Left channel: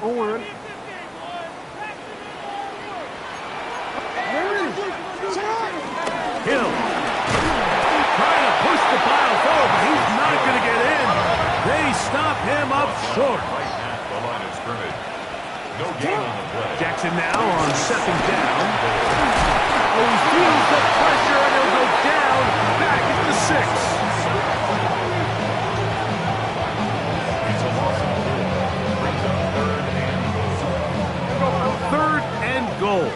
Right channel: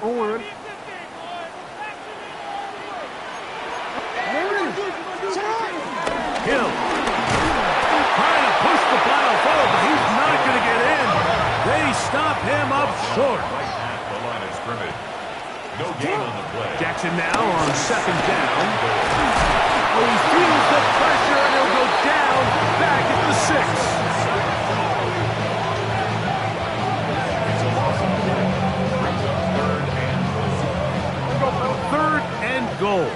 On. Hill trying to push the pile forward, but he's not going to get in. They stop him up short. Right at the line of scrimmage. No gain on the play. Jackson now on second down. Oh, he feels the pressure, and he'll go down back at the 6. It's a loss of 4. Brings up third and goal. 3rd and goal.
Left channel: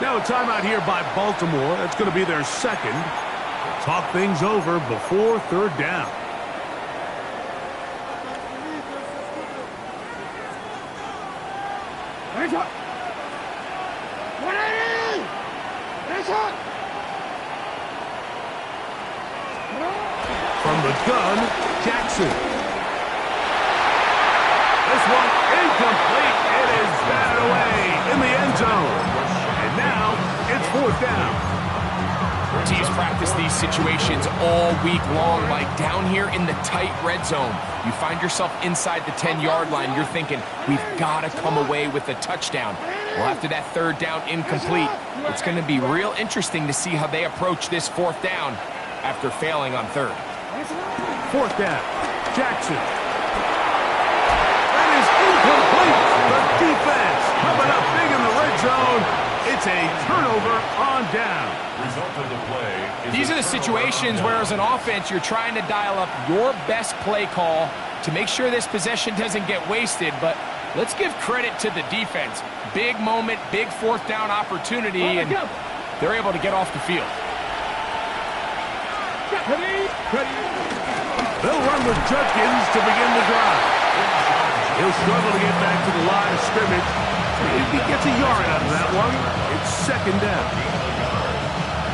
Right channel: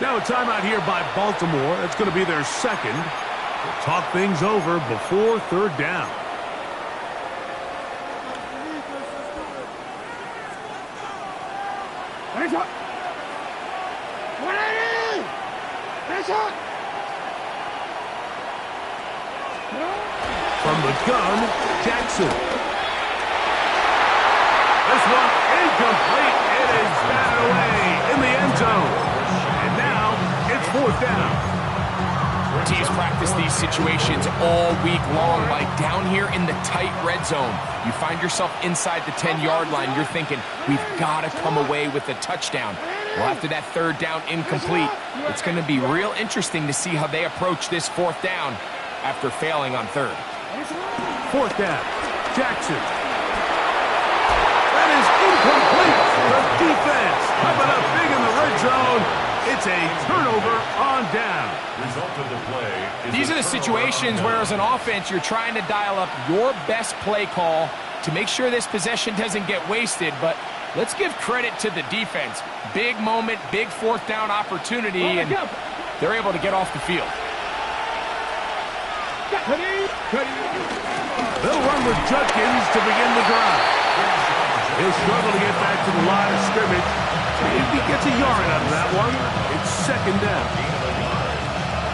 Now a timeout here by Baltimore. That's going to be their 2nd. They'll talk things over before 3rd down. From the gun, Jackson. This one incomplete. It is batted away in the end zone. And now it's 4th down. Teams practice these situations all week long. Like down here in the tight red zone, you find yourself inside the 10-yard line. You're thinking, we've got to come away with a touchdown. Well, after that 3rd down incomplete, it's going to be real interesting to see how they approach this 4th down after failing on 3rd. 4th down, Jackson. That is incomplete. The defense coming up big in the red zone. It's a turnover on down. Result of the play is These are the situations where, as an offense, you're trying to dial up your best play call to make sure this possession doesn't get wasted. But let's give credit to the defense. Big moment, big 4th down opportunity, and they're able to get off the field. They'll run with Judkins to begin the drive. He'll struggle to get back to the line of scrimmage. If he gets a yard out of that one, it's 2nd down. gain of a yard.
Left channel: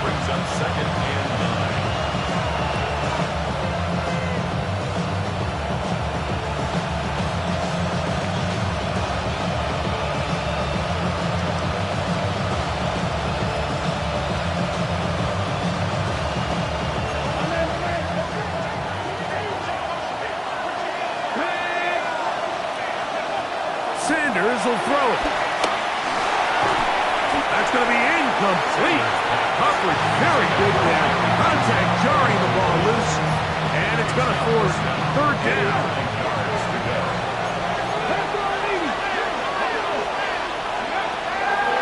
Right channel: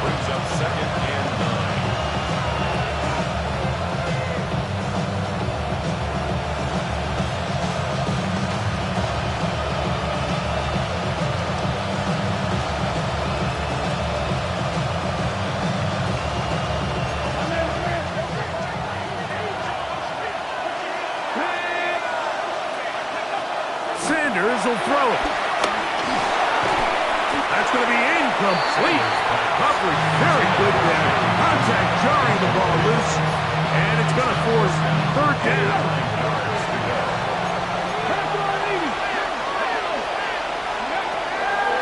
Brings up 2nd and 9. Sanders will throw it. That's going to be incomplete. Coverage very good there. Contact jarring the ball loose. And it's going to force 3rd down.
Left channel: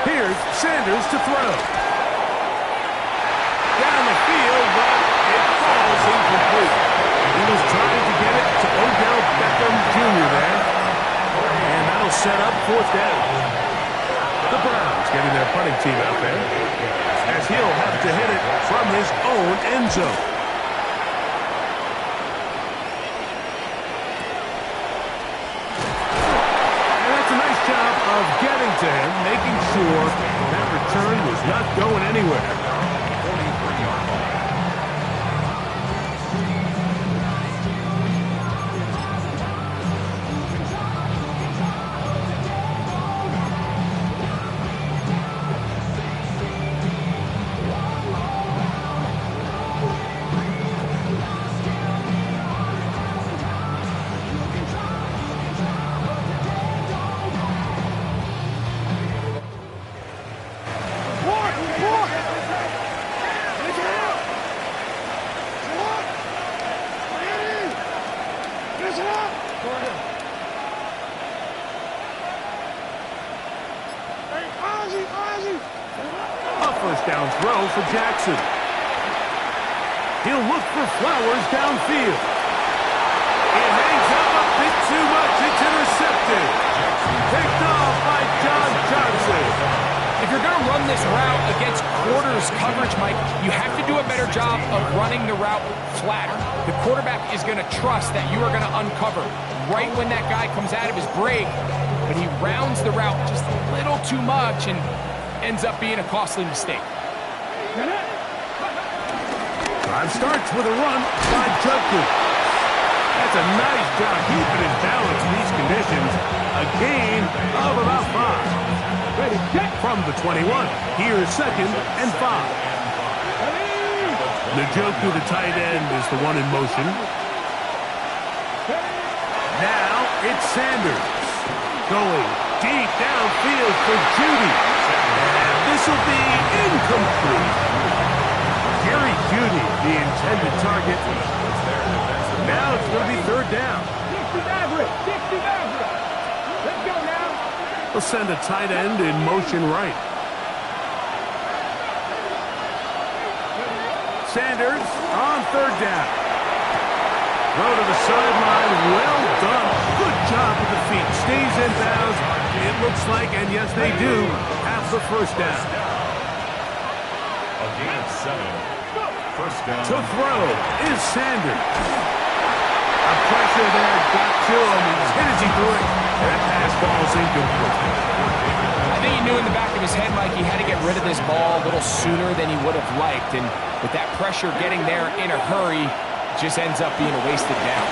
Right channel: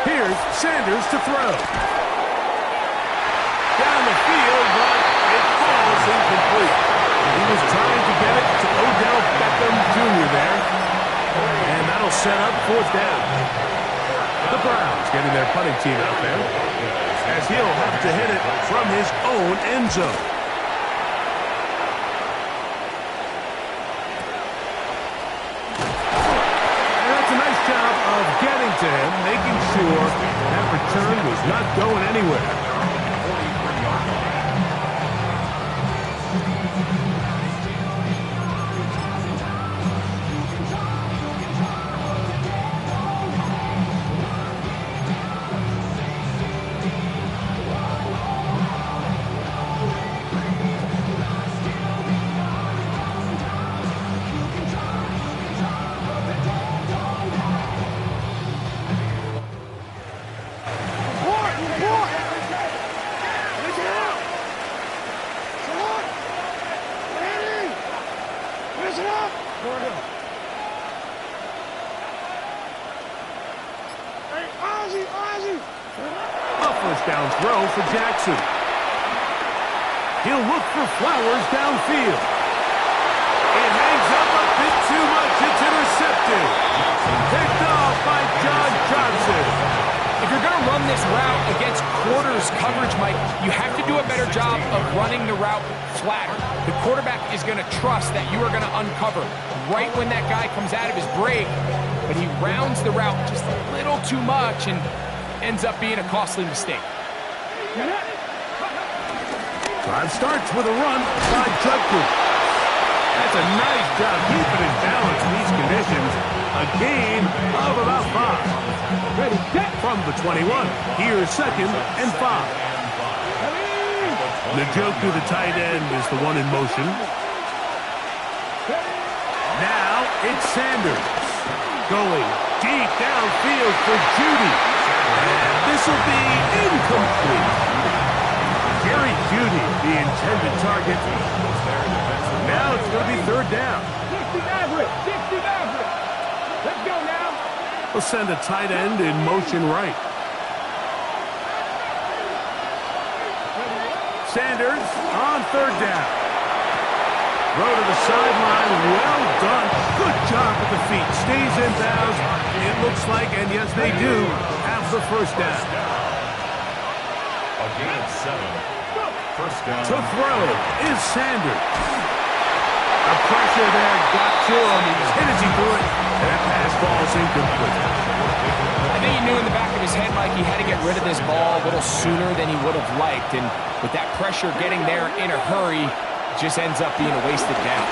Here's Sanders to throw. Down the field, but it falls incomplete. He was trying to get it to Odell Beckham Jr. there. And that'll set up 4th down. The Browns getting their punting team out there, as he'll have to hit it from his own end zone. And that's a nice job of getting to him, making sure that return was not going anywhere. 43-yard line. A 1st down throw for Jackson. He'll look for Flowers downfield. It hangs up a bit too much. It's intercepted. Picked off by John Johnson. If you're going to run this route against quarters coverage, Mike, you have to do a better job of running the route flatter. The quarterback is going to trust that you are going to uncover right when that guy comes out of his break, but he rounds the route just a little too much and ends up being a costly mistake. Drive starts with a run by Judkins. That's a nice job keeping his balance in these conditions. A gain of about 5. Ready, set. From the 21, here's 2nd and 5. Njoku, the tight end, is the one in motion. Now it's Sanders going deep downfield for Jeudy. And this will be incomplete. Jerry Jeudy, the intended target. Now it's going to be third down. 60 average. Let's go now. We'll send a tight end in motion right. Sanders on third down. Throw to the sideline. Well done. Good job with the feet. Stays in bounds. It looks like, and yes, they do, have the first down. A gain of 7. First down. To throw is Sanders. A pressure there got to him. He's hit as he threw it, and that pass ball's incomplete. I think he knew in the back of his head, Mike, he had to get rid of this ball a little sooner than he would have liked. And with that pressure getting there in a hurry, just ends up being a wasted down.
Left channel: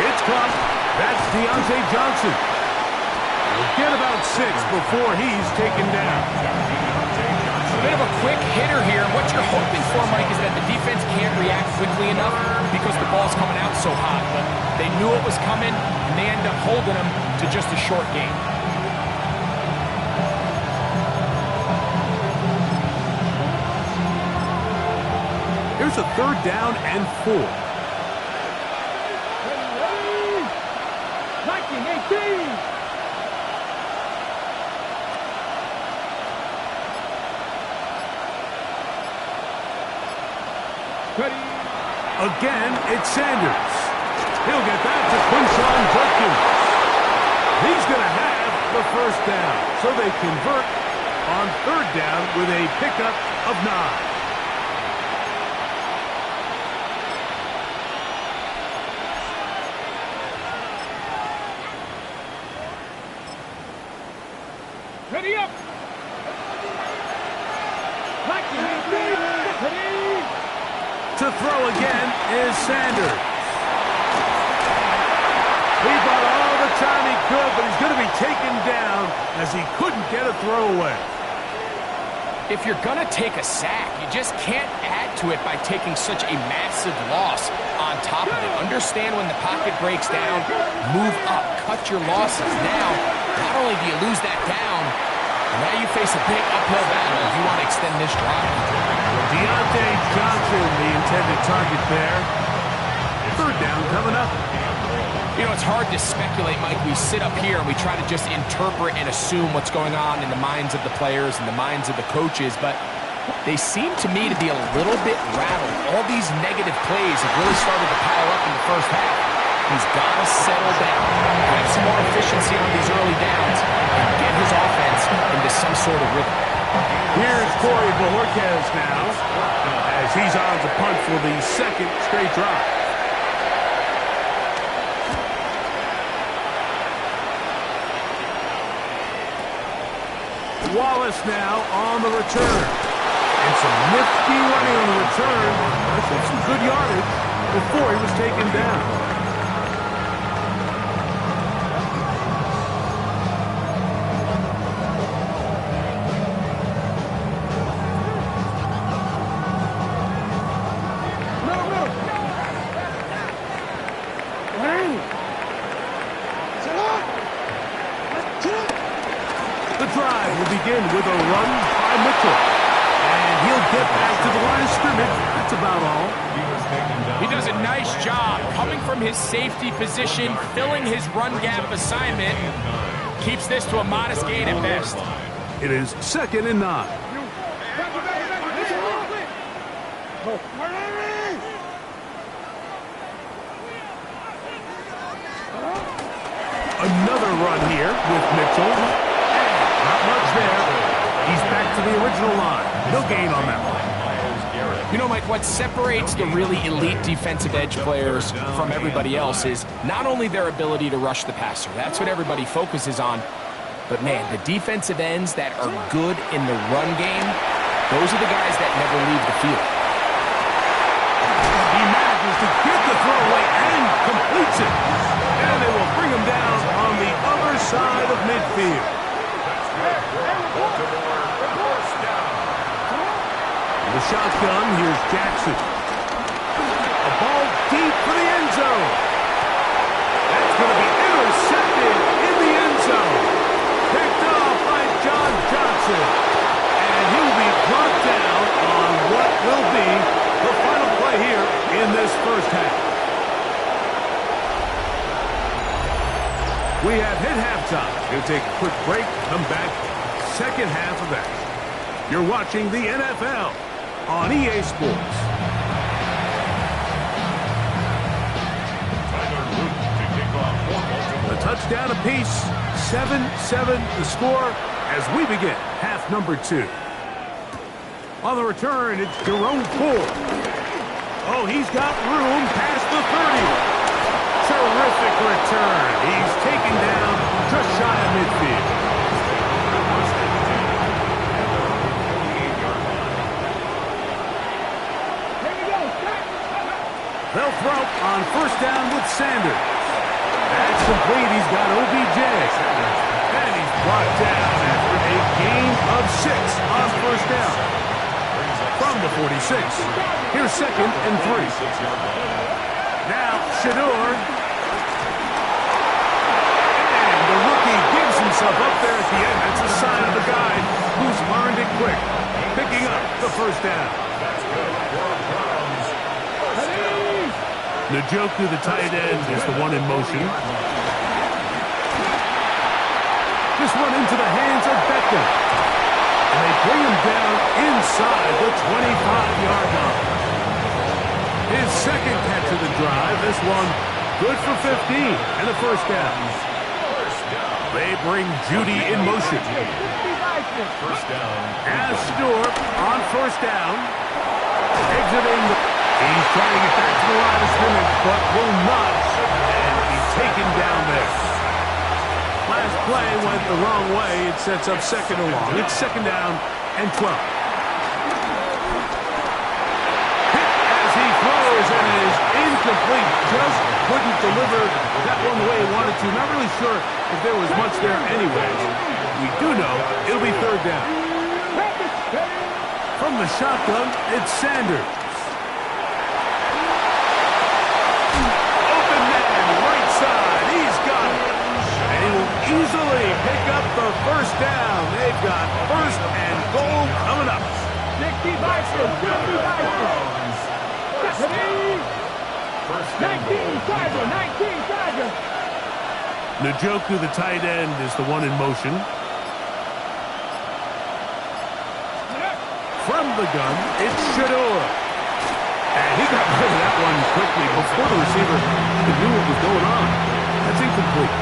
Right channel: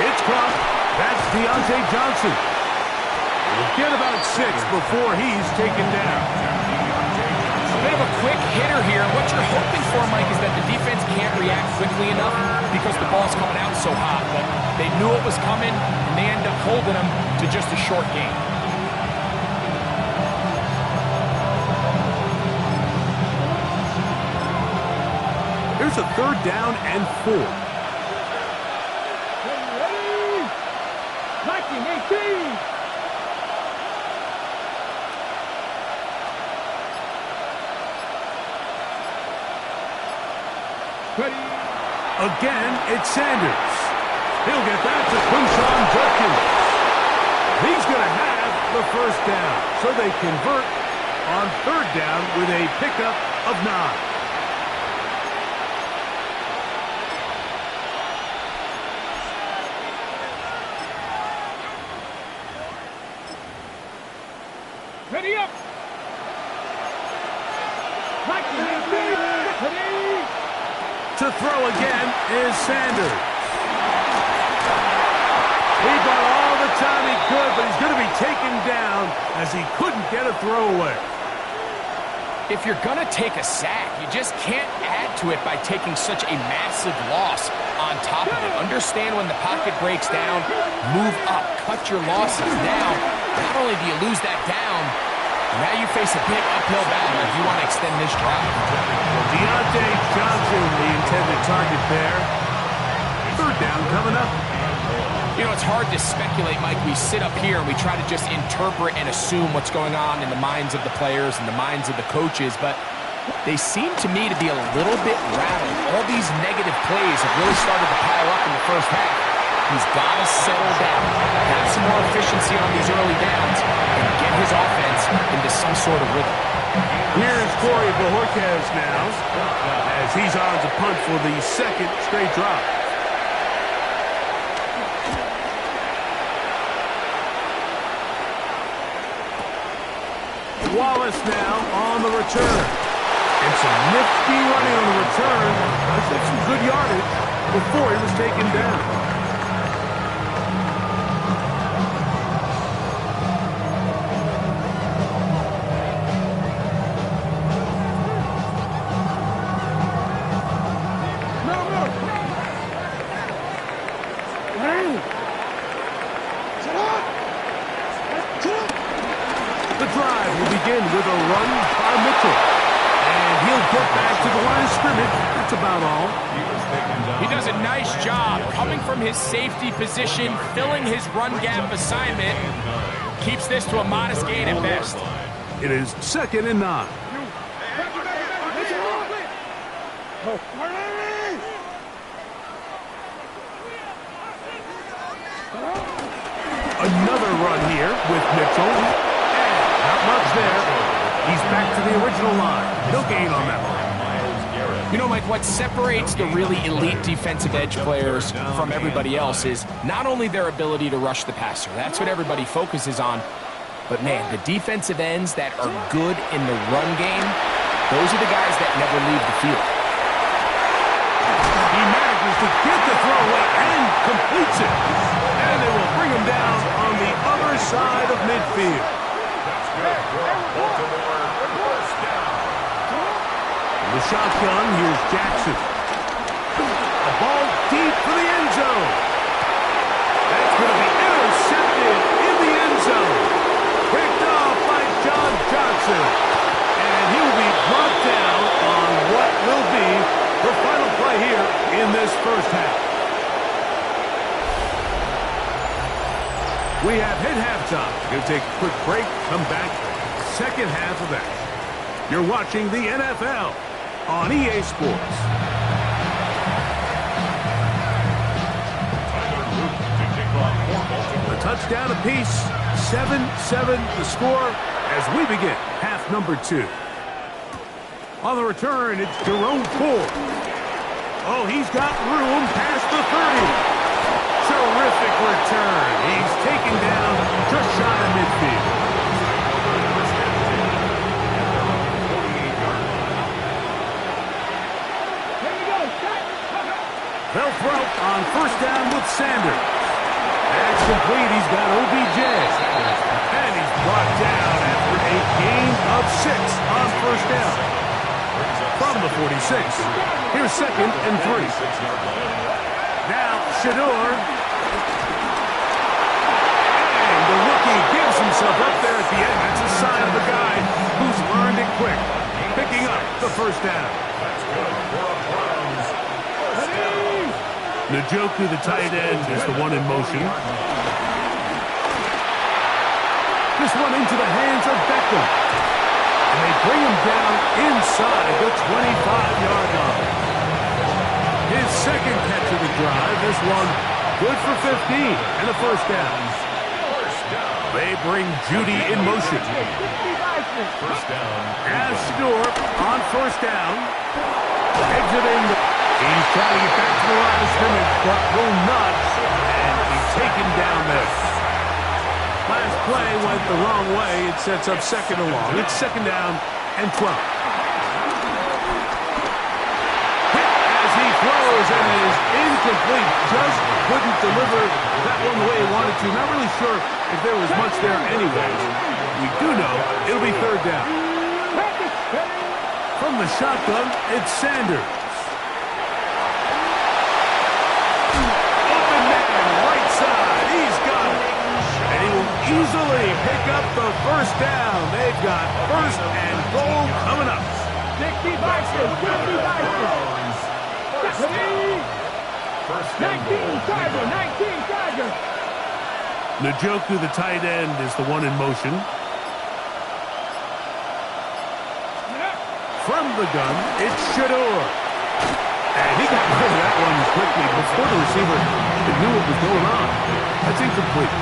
It's caught. That's Deontay Johnson. He'll get about 6 before he's taken down. A bit of a quick hitter here. What you're hoping for, Mike, is that the defense can't react quickly enough because the ball's coming out so hot. But they knew it was coming, and they end up holding him to just a short gain. Here's a third down and 4. Ready? 1918. Ready? Again, it's Sanders. He'll get that to Quinshon Judkins. He's going to have the first down. So they convert on third down with a pickup of 9. Ready up. 1918. Ready? To throw again is Sanders. He bought all the time he could, but he's going to be taken down as he couldn't get a throwaway. If you're going to take a sack, you just can't add to it by taking such a massive loss on top of it. Understand when the pocket breaks down, move up, cut your losses. Now, not only do you lose that down, but now you face a big uphill battle if you want to extend this drive. Deontay Johnson, the intended target there. Third down coming up. You know, it's hard to speculate, Mike. We sit up here and we try to just interpret and assume what's going on in the minds of the players and the minds of the coaches, but they seem to me to be a little bit rattled. All these negative plays have really started to pile up in the first half. He's got to settle down, have some more efficiency on these early downs, and get his offense into some sort of rhythm. Here's Corey Bojorquez now, as he's on to punt for the second straight drive. Wallace now on the return. And some nifty running on the return. That's some good yardage before he was taken down. The drive will begin with a run by Mitchell. And he'll get back to the line of scrimmage. That's about all. He does a nice job coming from his safety position, filling his run gap assignment. Keeps this to a modest gain at best. It is 2nd and 9. Another run here with Mitchell. Not much there. He's back to the original line. No gain on that one. You know, Mike, what separates the really elite defensive edge players from everybody else is not only their ability to rush the passer. That's what everybody focuses on. But, man, the defensive ends that are good in the run game, those are the guys that never leave the field. He manages to get the throwaway and completes it. And they will bring him down on the other side of midfield. The shotgun, here's Jackson. A ball deep for the end zone. That's going to be intercepted in the end zone. Picked off by John Johnson. And he will be brought down on what will be the final play here in this first half. We have hit halftime. Going to take a quick break, come back, second half of action. You're watching the NFL on EA Sports. Tyler Luke to kick off for Baltimore. A touchdown apiece, 7-7 the score as we begin half number 2. On the return, it's Jerome Ford. Oh, he's got room past the 30. Terrific return. He's taken down just shy of midfield. First and 10 at their own 48-yard line. Here we go. Start. They'll throw on first down with Sanders. That's complete. He's got OBJ. And he's brought down after a gain of 6 on first down. From the 46. Here's second and 3. Now, Shador. And the rookie gives himself up there at the end. That's a sign of a guy who's learned it quick. Picking up the first down. That's good for a Browns first down. Njoku, the tight end, is the one in motion. This one into the hands of Beckham. And they bring him down inside the 25-yard line. His second catch of the drive. This one good for 15 and a first down. They bring Judy in motion. First down. As Shador on first down. Exiting. He's trying to get back to the line of scrimmage, but will not. And he's taken down there. Last play went the wrong way. It sets up second and long. It's second down and 12. Hit as he throws, and it is incomplete. Just couldn't deliver that one the way he wanted to. Not really sure if there was much there anyways. We do know it'll be third down. From the shotgun, it's Sanders. Open man, right side. He's got it. And he will easily pick up the first down. They've got first and goal coming up. 60 Vikings, 50 Vikings. First 19 Tiger, 19 Tiger. Njoku, the tight end, is the one in motion. From the gun, it's Shador. And he got rid of that one quickly before the receiver knew what was going on. That's incomplete.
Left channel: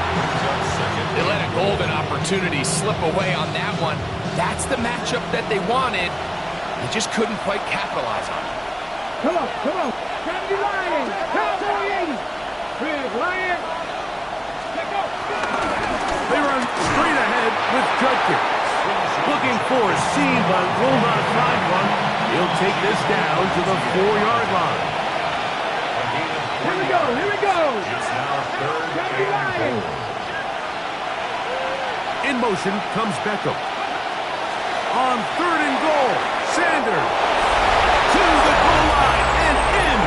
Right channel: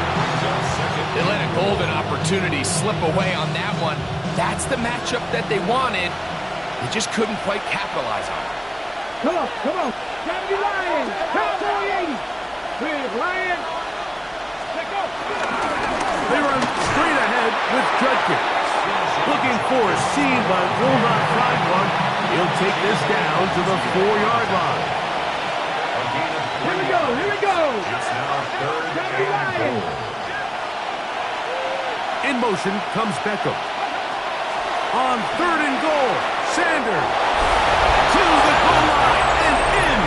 They let a golden opportunity slip away on that one. That's the matchup that they wanted. They just couldn't quite capitalize on it. Come on, come on. Cowboy Lion, Cowboy 80. Big Lion. Let go. They run straight ahead with Judkins. Looking for a seam, but will not find one. He'll take this down to the 4-yard line. Here we go, here we go. It's now third Cowboy Lion. and 4. In motion comes Beckham. On third and goal, Sanders to the goal line and in.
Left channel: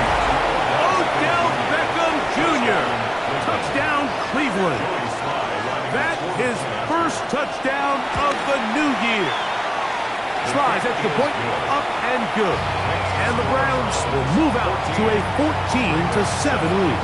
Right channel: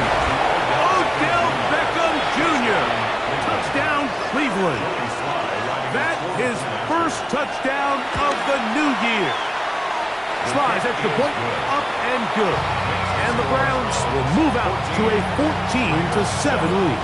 Odell Beckham Jr. Touchdown, Cleveland. That is first touchdown of the new year. Slides extra point, up and good. And the Browns will move out to a 14-7 lead.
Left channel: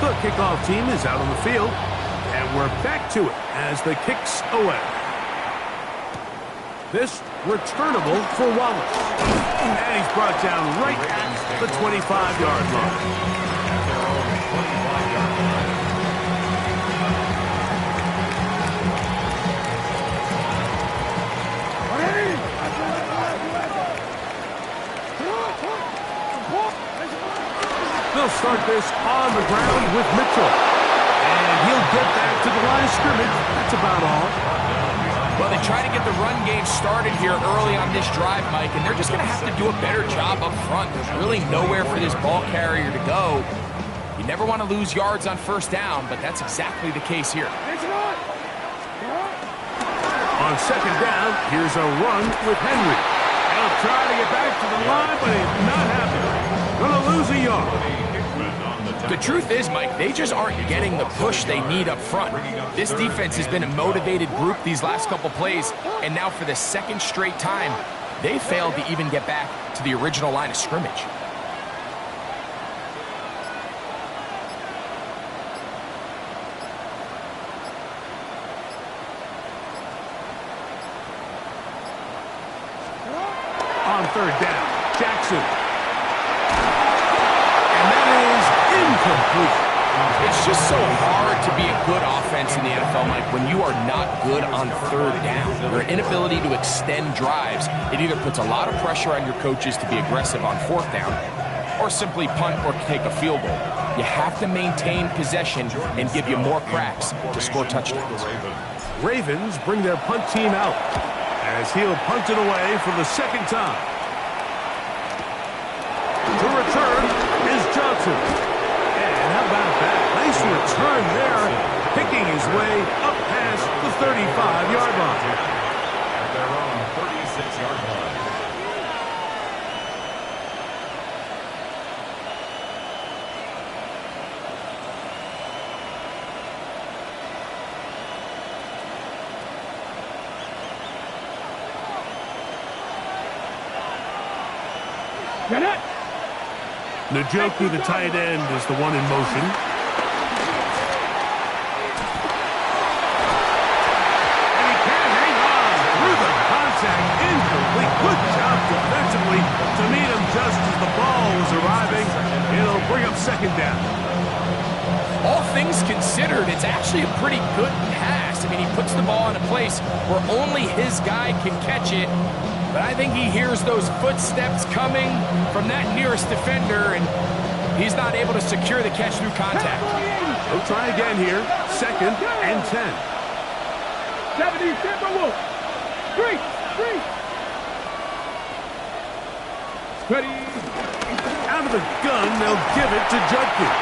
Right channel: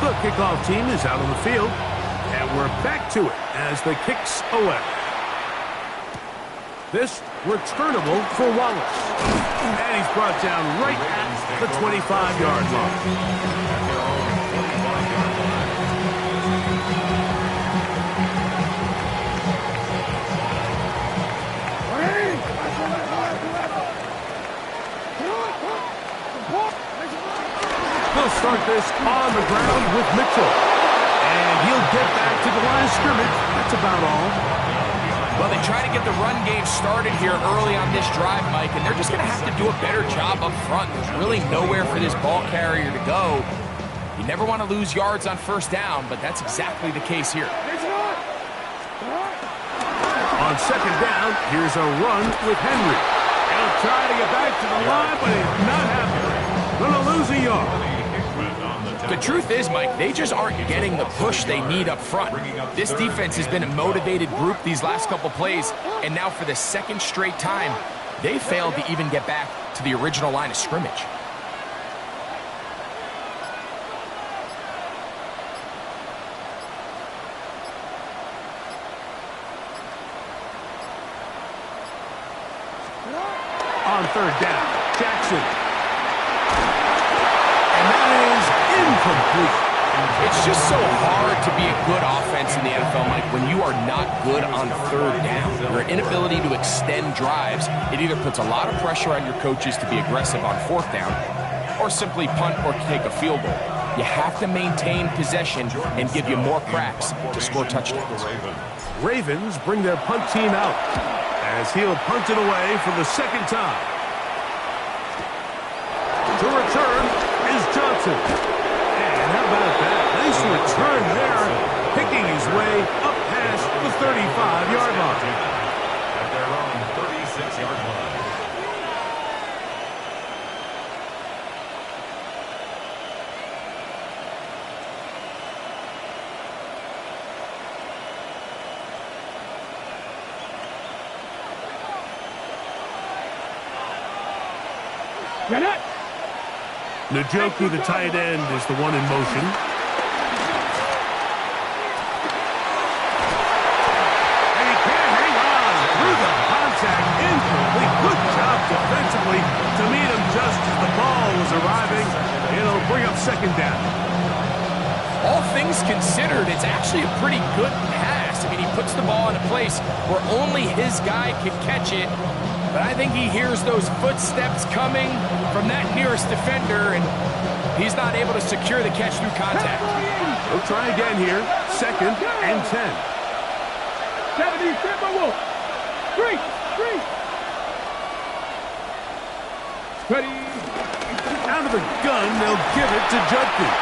The kickoff team is out on the field, and we're back to it as the kick's away. This returnable for Wallace. And he's brought down right at the 25-yard line. At their own 25-yard line. They'll start this on the ground with Mitchell. And he'll get back to the line of scrimmage. That's about all. Well, they try to get the run game started here early on this drive, Mike, and they're just going to have to do a better job up front. There's really nowhere for this ball carrier to go. You never want to lose yards on first down, but that's exactly the case here. On second down, here's a run with Henry. He'll try to get back to the line, but he's not happy. Going to lose a yard. The truth is, Mike, they just aren't getting the push they need up front. This defense has been a motivated group these last couple plays, and now for the second straight time, they failed to even get back to the original line of scrimmage. On third down, Jackson. And that is incomplete. It's just so hard to be a good offense in the NFL, Mike, when you are not good on third down. Your inability to extend drives, it either puts a lot of pressure on your coaches to be aggressive on fourth down, or simply punt or take a field goal. You have to maintain possession and give you more cracks to score touchdowns. Ravens bring their punt team out as he'll punt it away for the second time. To return is Johnson. And how about that? Nice return there, picking his way up past the 35-yard line. At their own 36-yard line. Get it! Njoku, the tight end, is the one in motion. And he can't hang on through the contact. Incomplete. Good job defensively to meet him just as the ball was arriving. It'll bring up second down. All things considered, it's actually a pretty good pass. I mean, he puts the ball in a place where only his guy can catch it. But I think he hears those footsteps coming from that nearest defender, and he's not able to secure the catch through contact. He'll try again here. Second and 10. 70 Timberwolves. Three. Ready. Out of the gun, they'll give it to Judkins.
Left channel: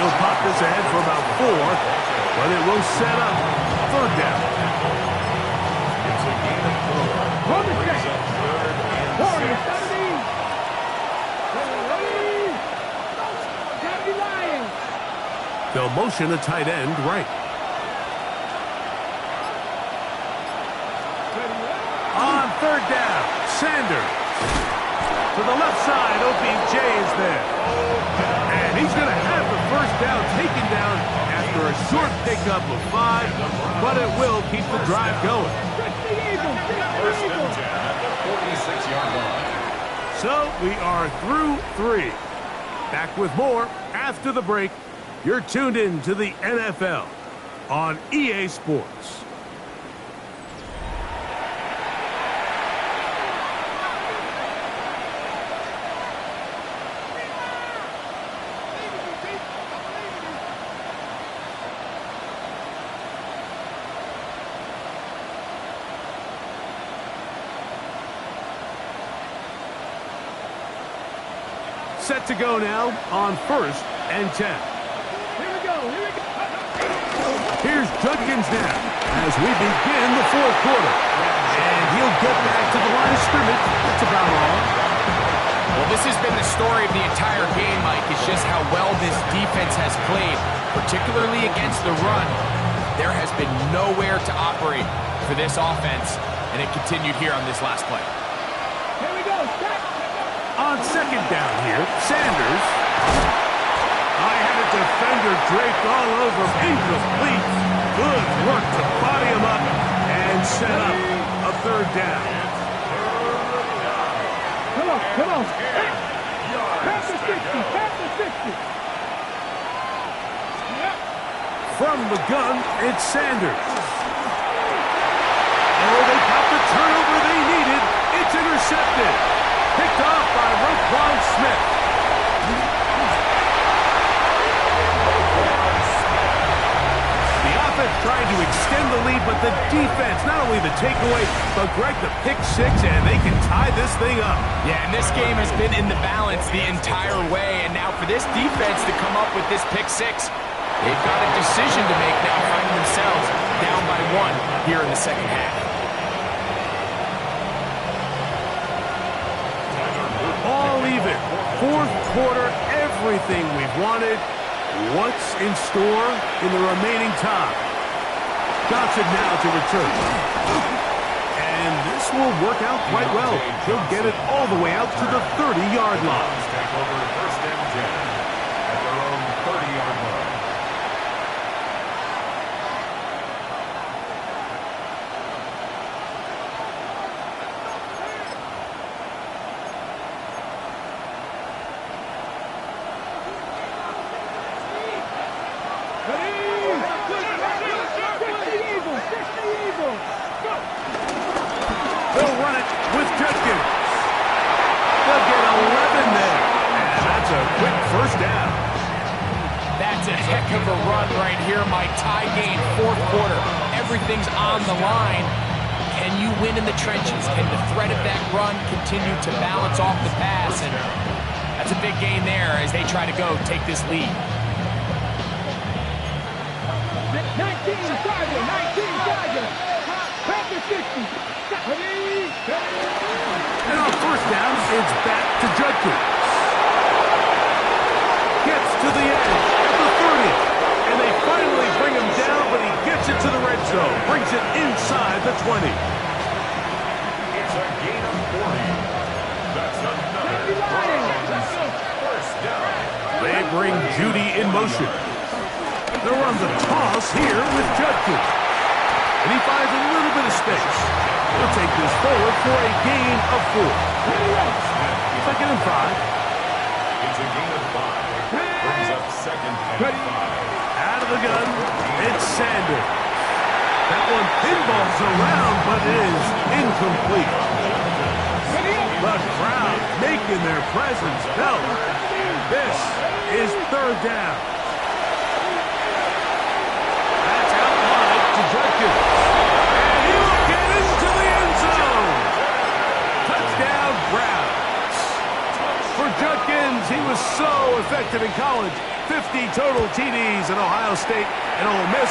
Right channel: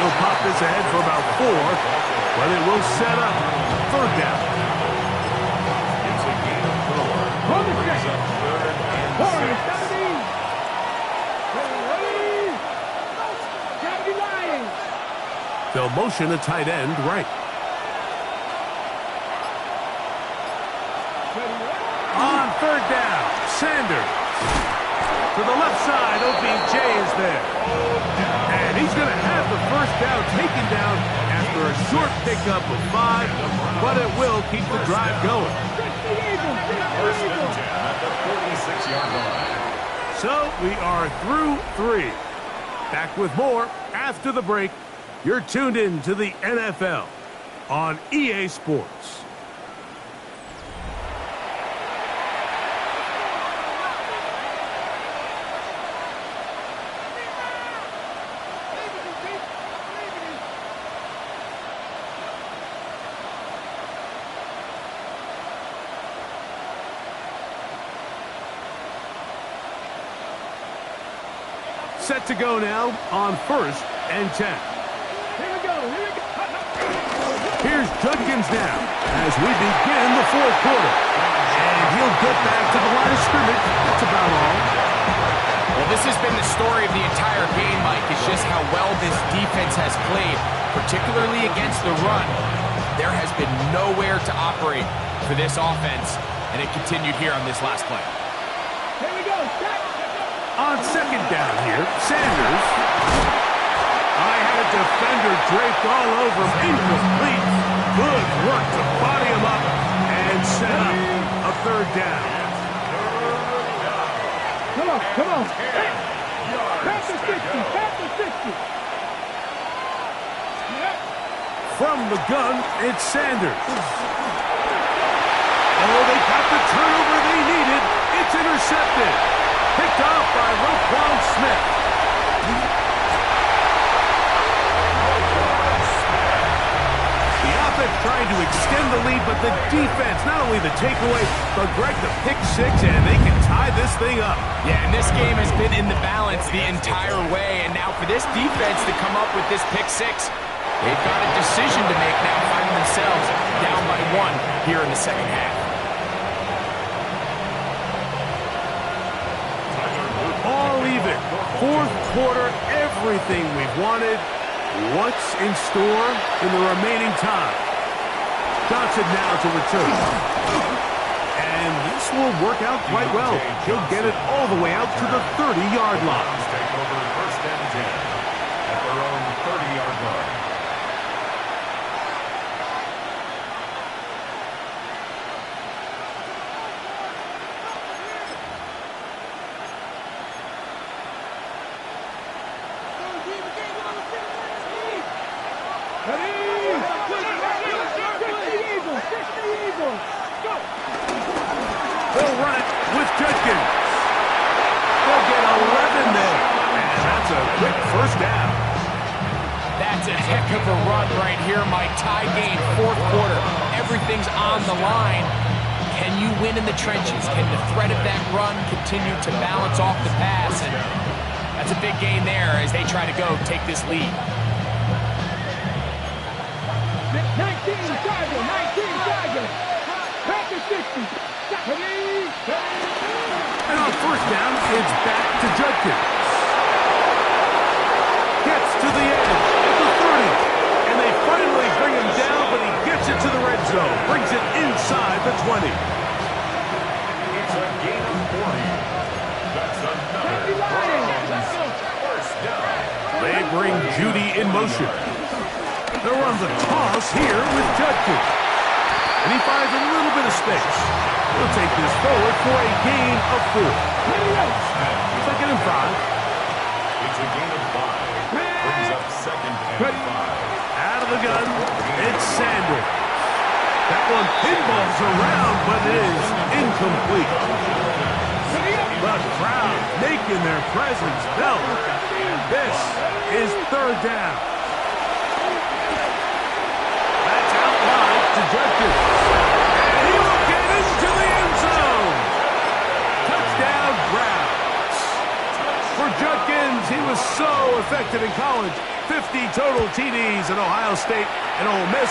He'll pop this ahead for about 4, but it will set up third down. It's a gain of 4. Hold the Brings check. up third and 6. They'll motion a tight end right. On third down, Sanders. To the left side, OBJ is there. And he's going to have the first down taken down after a short pickup of 5, but it will keep the drive going. First and 10 at the 46-yard line. So we are through 3. Back with more after the break. You're tuned in to the NFL on EA Sports. Set to go now on first and 10. Here we go. Here's Judkins now as we begin the fourth quarter. And he'll get back to the line of scrimmage. That's about all. Well, this has been the story of the entire game, Mike. It's just how well this defense has played, particularly against the run. There has been nowhere to operate for this offense, and it continued here on this last play. Here we go. On second down here, Sanders. I had a defender draped all over him. Incomplete. Good work to body him up and set up a third down. Come on. Past the 60. From the gun, it's Sanders. Oh, they got the turnover they needed. It's intercepted. Picked off by Roquan Smith. The offense trying to extend the lead, but the defense, not only the takeaway, but Greg, the pick six, and they can tie this thing up. Yeah, and this game has been in the balance the entire way, and now for this defense to come up with this pick six, they've got a decision to make now, finding themselves down by 1 here in the second half. All even. Fourth quarter, everything we've wanted. What's in store in the remaining time? Johnson now to return. And this will work out quite well. He'll get it all the way out to the 30-yard line. Take over 1st and 10 at their own 30-yard line. They'll run it with Judkins. They'll get 11 there. And that's a quick first down. That's a heck of a run right here, Mike. Tie game, fourth quarter. Everything's on the line. Can you win in the trenches? Can the threat of that run continue to balance off the pass? And that's a big gain there as they try to go take this lead. 19 Tiger, 19 Tiger. Packer 60. And on first down, it's back to Judkins. Gets to the edge at the 30. And they finally bring him down, but he gets it to the red zone. Brings it inside the 20. It's a gain of 40. That's another first down. They bring Judy in motion. They'll run the toss here with Judkins. And he finds a little bit of space. He'll take this forward for a gain of 4. Second and 5. It's a gain of 5. Brings up 2nd and 5. Out of the gun, it's Sanders. That one pinballs around, but it is incomplete. The crowd making their presence felt. This is 3rd down. That's out wide to Judkins. And he will get into the end zone. Touchdown, Browns. For Judkins, he was so effective in college. 50 total TDs at Ohio State and Ole Miss,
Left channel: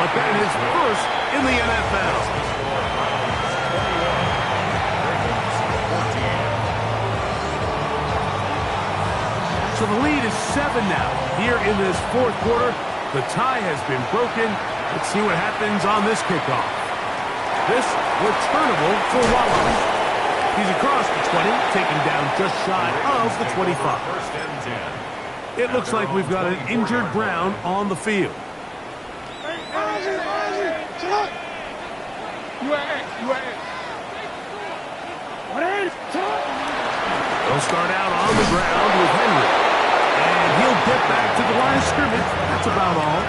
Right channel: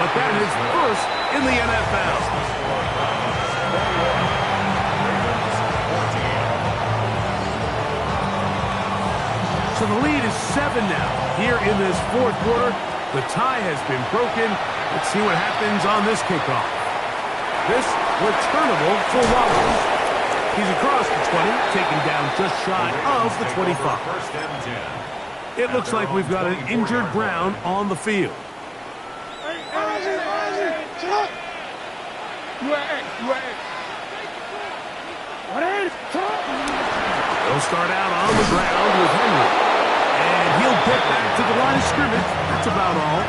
but that is first in the NFL. So the lead is 7 now here in this fourth quarter. The tie has been broken. Let's see what happens on this kickoff. This returnable for Wallace. He's across the 20, taken down just shy of the 25. 1st and 10. It looks like we've got an injured Brown on the field. They'll start out on the ground with Henry. And he'll get back to the line of scrimmage. That's about all.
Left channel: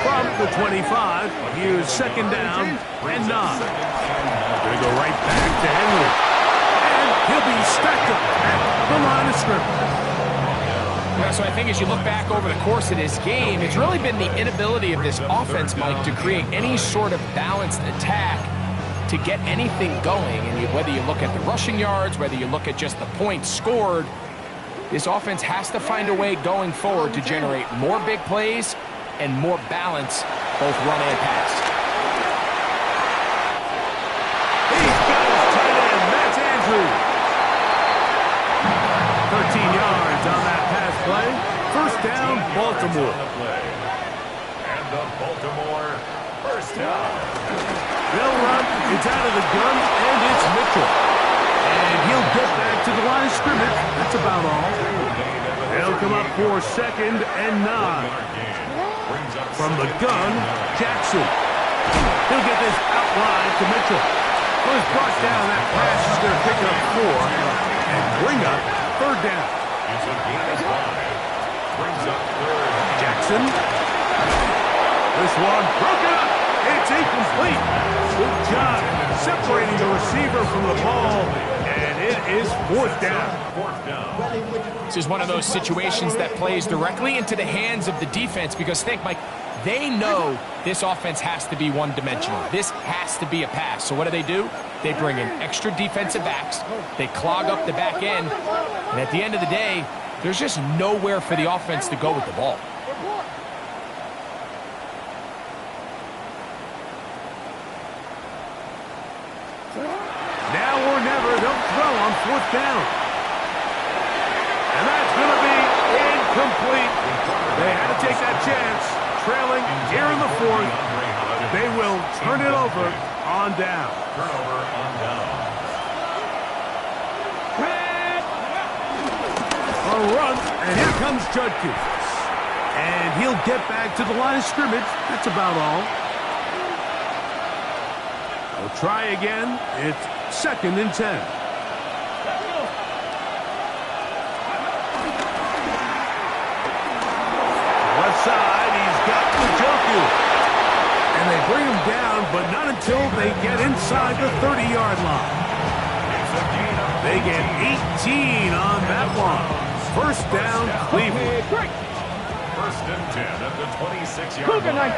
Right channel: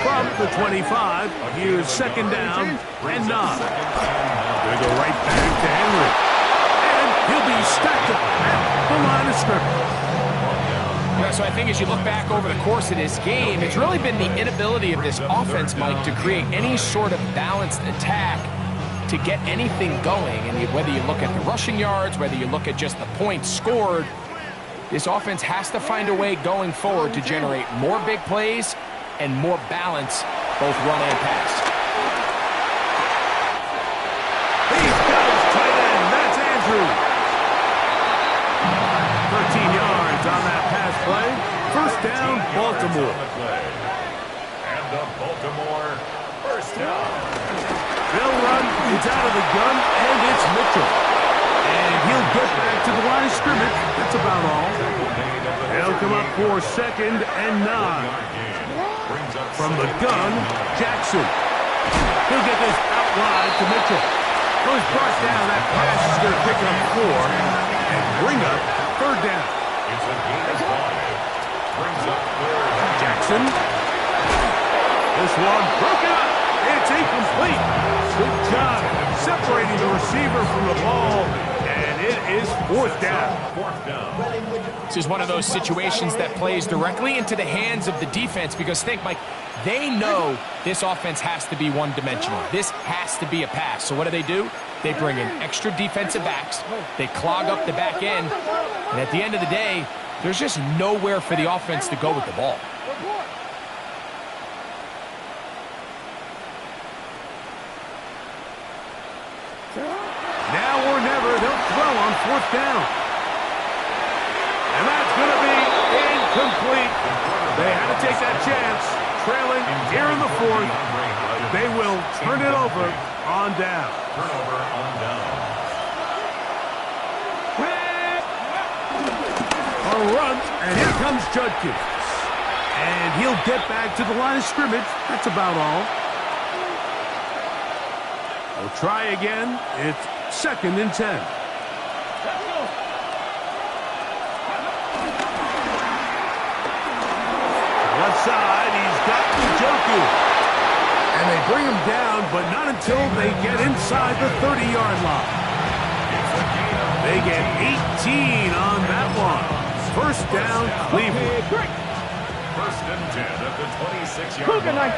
From the 25, here's 2nd down and 9. Gonna go right back to Henry. And he'll be stacked up at the line of scrimmage. Yeah, so I think as you look back over the course of this game, it's really been the inability of this offense, Mike, to create any sort of balanced attack to get anything going. And whether you look at the rushing yards, whether you look at just the points scored, this offense has to find a way going forward to generate more big plays and more balance, both run and pass. He's got his tight end, Matt Andrews. 13 yards on that pass play. First down, Baltimore. And the Baltimore first down. They'll run. It's out of the gun, and it's Mitchell. And he'll get back to the line of scrimmage. That's about all. They'll come up for 2nd and 9. From the gun, Jackson. He'll get this out wide to Mitchell. Who is brought down. That pass is going to pick up 4 and bring up 3rd down. It's a gain of 5. Brings up 3rd. Jackson. This one broken up. It's incomplete. Good job separating the receiver from the ball. And And it is fourth down. Fourth down. This is one of those situations that plays directly into the hands of the defense because think, Mike, they know this offense has to be one-dimensional. This has to be a pass. So what do? They bring in extra defensive backs. They clog up the back end. And at the end of the day, there's just nowhere for the offense to go with the ball. Now or never, they'll throw on fourth down. And that's going to be incomplete. They had to take that chance. Trailing here in the fourth. They will turn it over on down. Turnover on down. A run, and here comes Judkins. And he'll get back to the line of scrimmage. That's about all. We'll try again. It's 2nd and 10. Left side, he's got Njoku. And they bring him down, but not until they get inside the 30-yard line. They get 18 on that one. First down, Cleveland. First and 10 at the 26-yard line.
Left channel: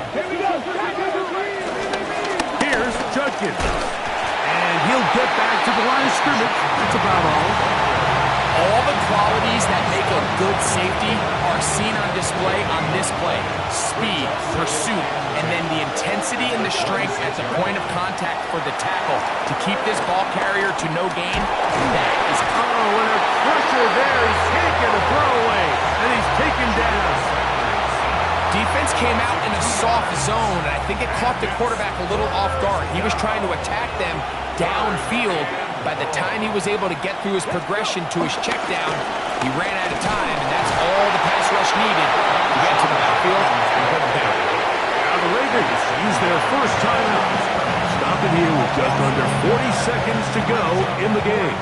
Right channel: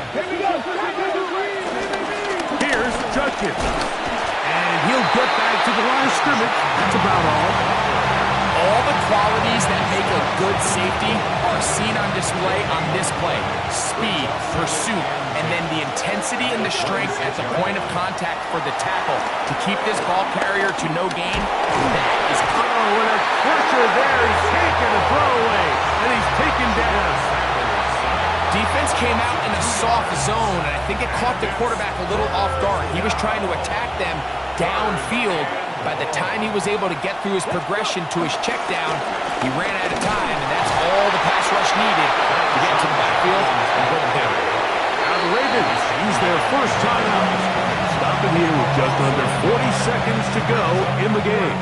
Here's Judkins. And he'll get back to the line of scrimmage. That's about all. All the qualities that make a good safety are seen on display on this play. Speed, pursuit, and then the intensity and the strength at the point of contact for the tackle to keep this ball carrier to no gain. That is... Oh, and a pressure there. He's taking a throwaway, and he's taken down. Defense came out in a soft zone, and I think it caught the quarterback a little off guard. He was trying to attack them downfield. By the time he was able to get through his progression to his check down, he ran out of time, and that's all the pass rush needed to get to the backfield and put him down. Now the Ravens use their first timeout. Stopping here with just under 40 seconds to go in the game.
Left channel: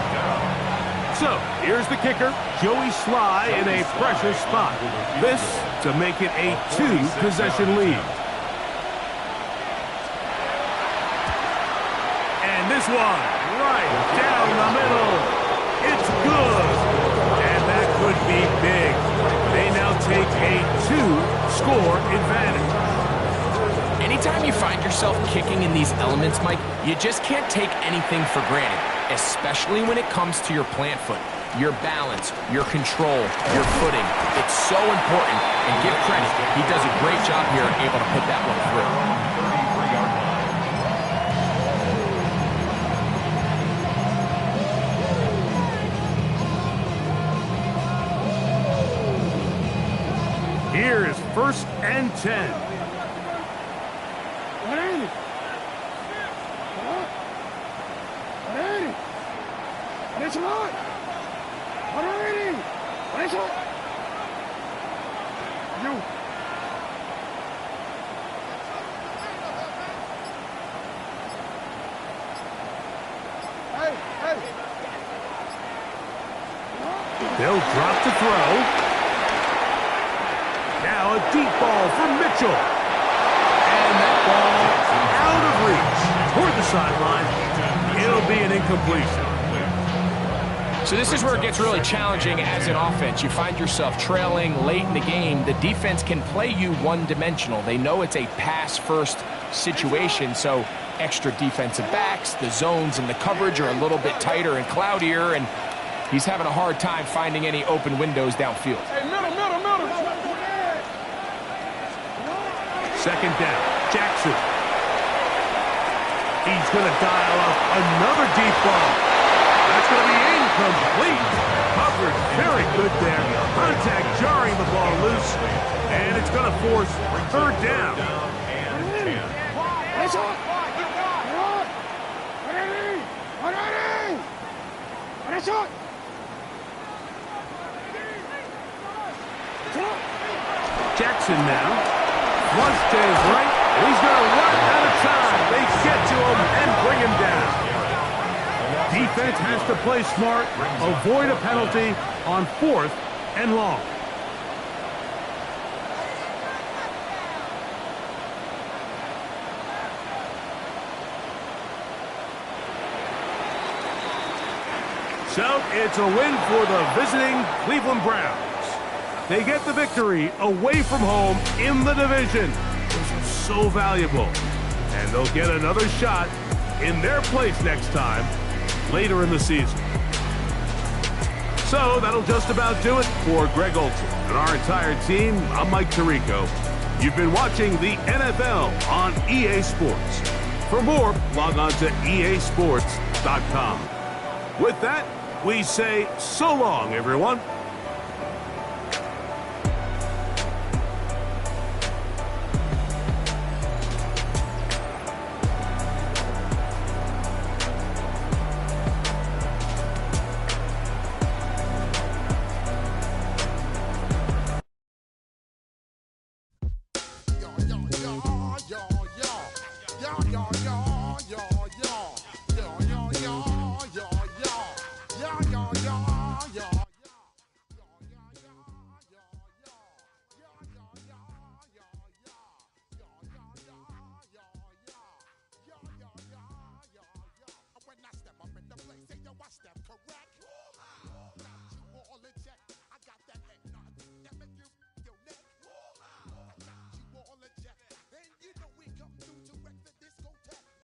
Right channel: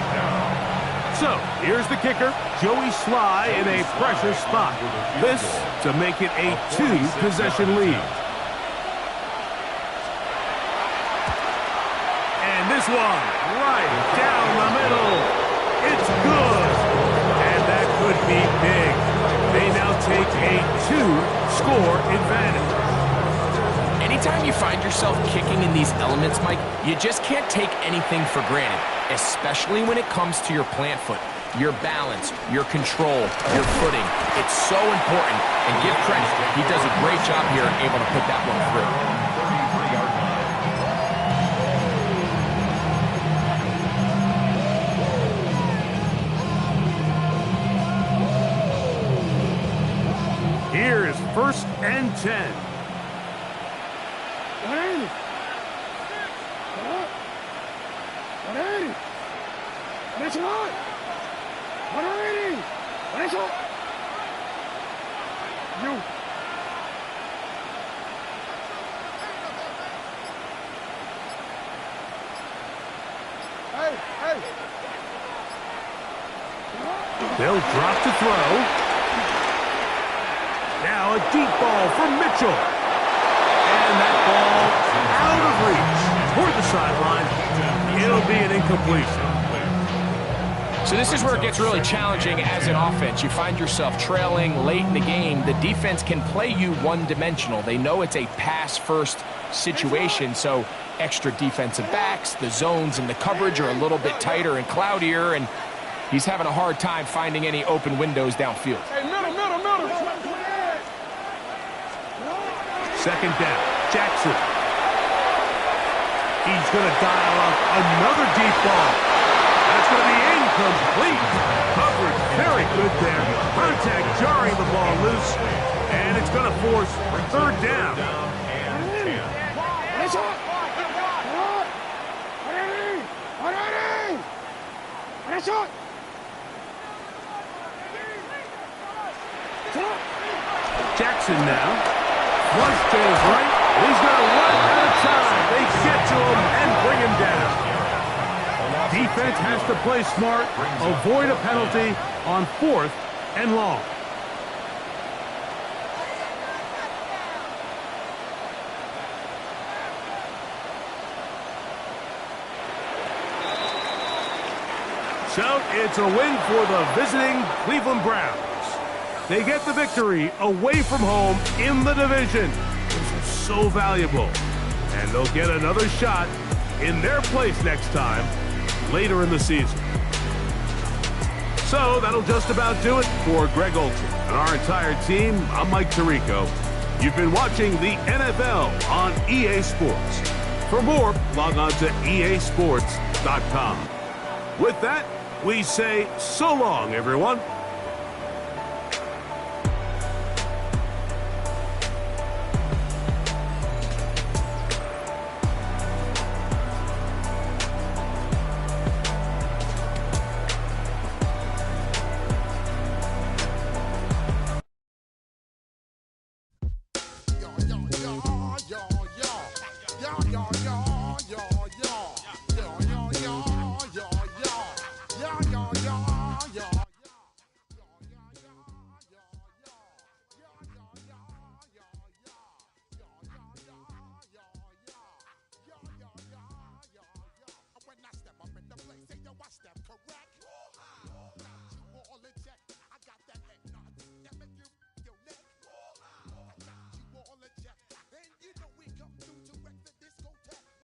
So, here's the kicker, Joey Sly in a pressure spot. This to make it a 2-possession lead. And this one, right down the middle. It's good. And that could be big. They now take a 2-score advantage. Anytime you find yourself kicking in these elements, Mike, you just can't take anything for granted, especially when it comes to your plant foot, your balance, your control, your footing. It's so important, and give credit. He does a great job here and able to put that one through. 33-yard line. Here is 1st and 10. What ain't it? What ain't it? What is it? What ain't it? What is it? You. Hey. They'll drop to throw. Now a deep ball for Mitchell. And that ball out of reach toward the sideline. It'll be an incompletion. So this is where it gets really challenging as an offense. You find yourself trailing late in the game. The defense can play you one-dimensional. They know it's a pass-first situation, so extra defensive backs, the zones and the coverage are a little bit tighter and cloudier, and he's having a hard time finding any open windows downfield. Hey, middle. 2nd down, Jackson. He's going to dial up another deep ball. That's going to be incomplete. Coverage very good there. Contact jarring the ball loose. And it's going to force 3rd down. What is it? What is it? Jackson now. Flush to his right. And he's going to run out of time. They get to him and bring him down. Defense has to play smart, avoid a penalty on 4th and long. So it's a win for the visiting Cleveland Browns. They get the victory away from home in the division, which is so valuable. And they'll get another shot in their place next time later in the season. So that'll just about do it for Greg Olsen and our entire team. I'm Mike Tirico. You've been watching the NFL on EA Sports. For more, log on to easports.com. With that, we say so long, everyone. Yo, yo, yo, yo, yo, yo, yo, yo.